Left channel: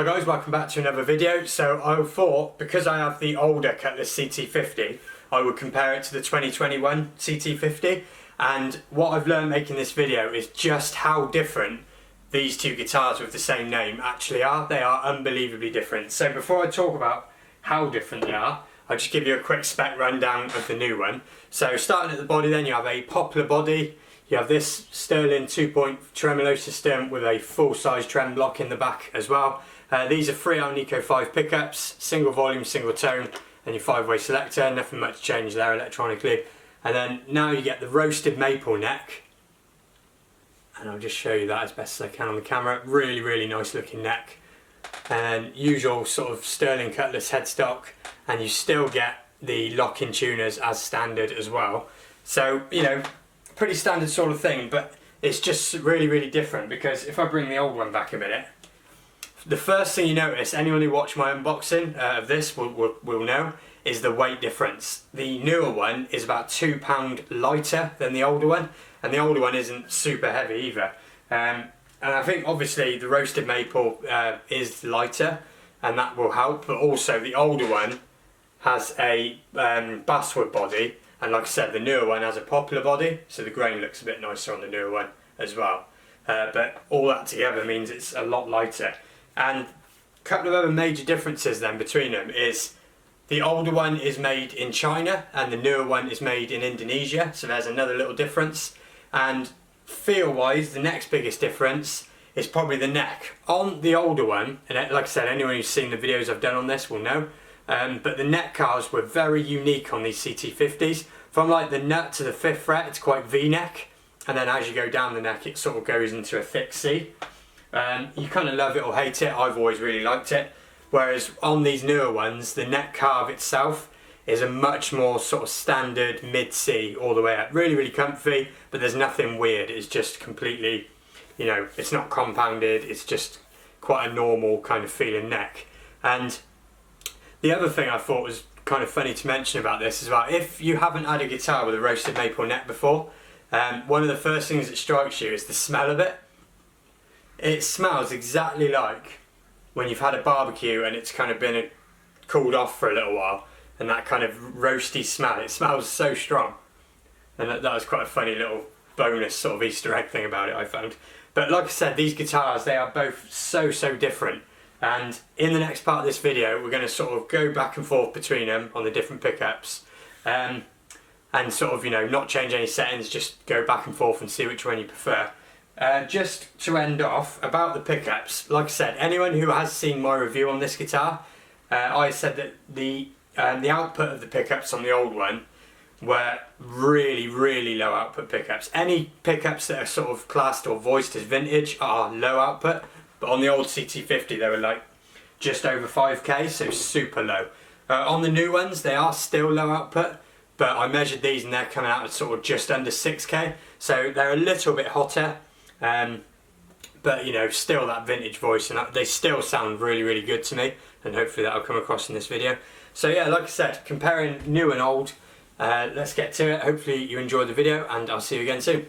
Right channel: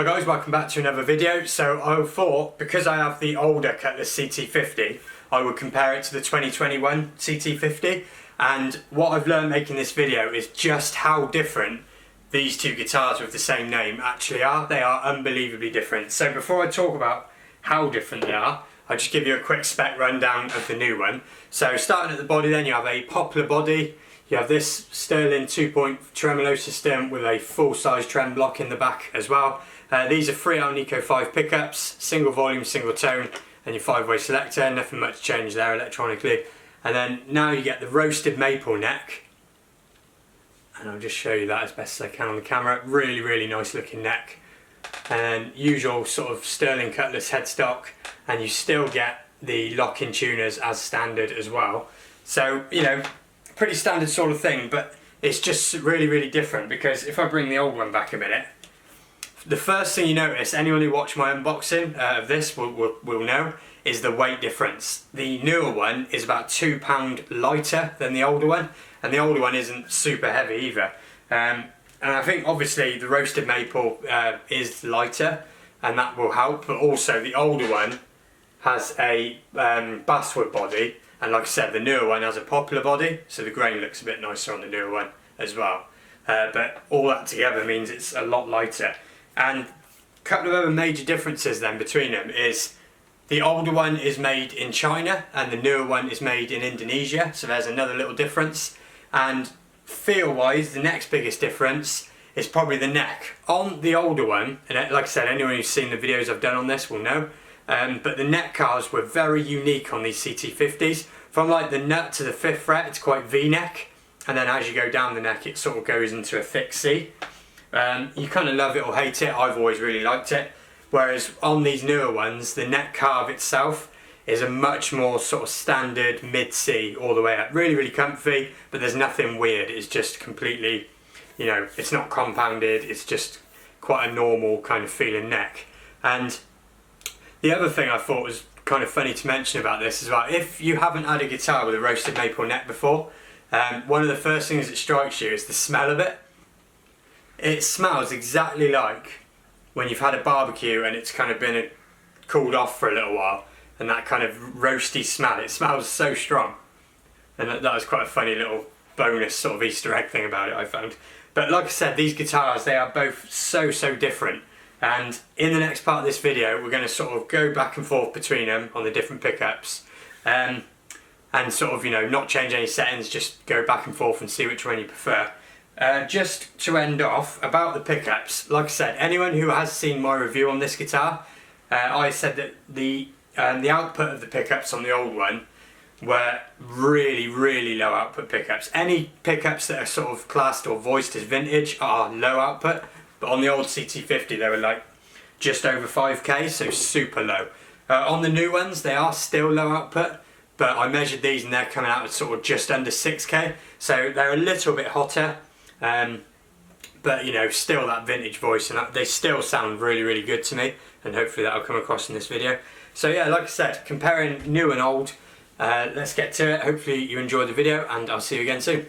Hi guys, welcome back to another video. So I thought, because I have the older Cutlass CT50, I would compare it to the 2021 CT50. And what I've learned making this video is just how different these two guitars with the same name actually are. They are unbelievably different. So before I talk about how different they are, I'll just give you a quick spec rundown of the new one. So starting at the body then, you have a poplar body. You have this Sterling 2-point Tremolo system with a full-size trem block in the back as well. These are 3L Nico 5 pickups, single volume, single tone, and your 5-way selector. Nothing much changed there electronically. And then now you get the roasted maple neck. And I'll just show you that as best as I can on the camera. Really, really nice looking neck. And usual sort of Sterling Cutlass headstock. And you still get the lock-in tuners as standard as well. So, you know, pretty standard sort of thing, but it's just really, really different because if I bring the old one back a minute, the first thing you notice, anyone who watched my unboxing of this will know, is the weight difference. The newer one is about £2 lighter than the older one, and the older one isn't super heavy either. And I think obviously the roasted maple is lighter, and that will help, but also the older one has a basswood body, and like I said, the newer one has a poplar body, so the grain looks a bit nicer on the newer one as well. But all that together means it's a lot lighter. And a couple of other major differences then between them is the older one is made in China and the newer one is made in Indonesia, so there's another little difference. And feel-wise, the next biggest difference is probably the neck. On the older one, and like I said, anyone who's seen the videos I've done on this will know, but the neck carves were very unique on these CT50s. From like the nut to the 5th fret, it's quite V-neck, and then as you go down the neck, it sort of goes into a thick C. You kind of love it or hate it. I've always really liked it. Whereas on these newer ones, the neck carve itself is a much more sort of standard mid-C all the way up. Really, really comfy, but there's nothing weird. It's just completely, you know, it's not compounded. It's just quite a normal kind of feeling neck. And the other thing I thought was kind of funny to mention about this is about if you haven't had a guitar with a roasted maple neck before, one of the first things that strikes you is the smell of it. It smells exactly like when you've had a barbecue and it's kind of been cooled off for a little while, and that kind of roasty smell, it smells so strong. And that was quite a funny little bonus sort of Easter egg thing about it, I found. But like I said, these guitars, they are both so different. And in the next part of this video, we're going to sort of go back and forth between them on the different pickups. And sort of, you know, not change any settings, just go back and forth and see which one you prefer. Just to end off, about the pickups, like I said, anyone who has seen my review on this guitar, I said that the output of the pickups on the old one were really low output pickups. Any pickups that are sort of classed or voiced as vintage are low output, but on the old CT50 they were like just over 5k, so super low. On the new ones they are still low output, but I measured these and they're coming out at sort of just under 6k, so they're a little bit hotter. But you know, still that vintage voice, and they still sound really good to me, and hopefully that'll come across in this video. So yeah, like I said, comparing new and old, let's get to it. Hopefully you enjoyed the video, and I'll see you again soon.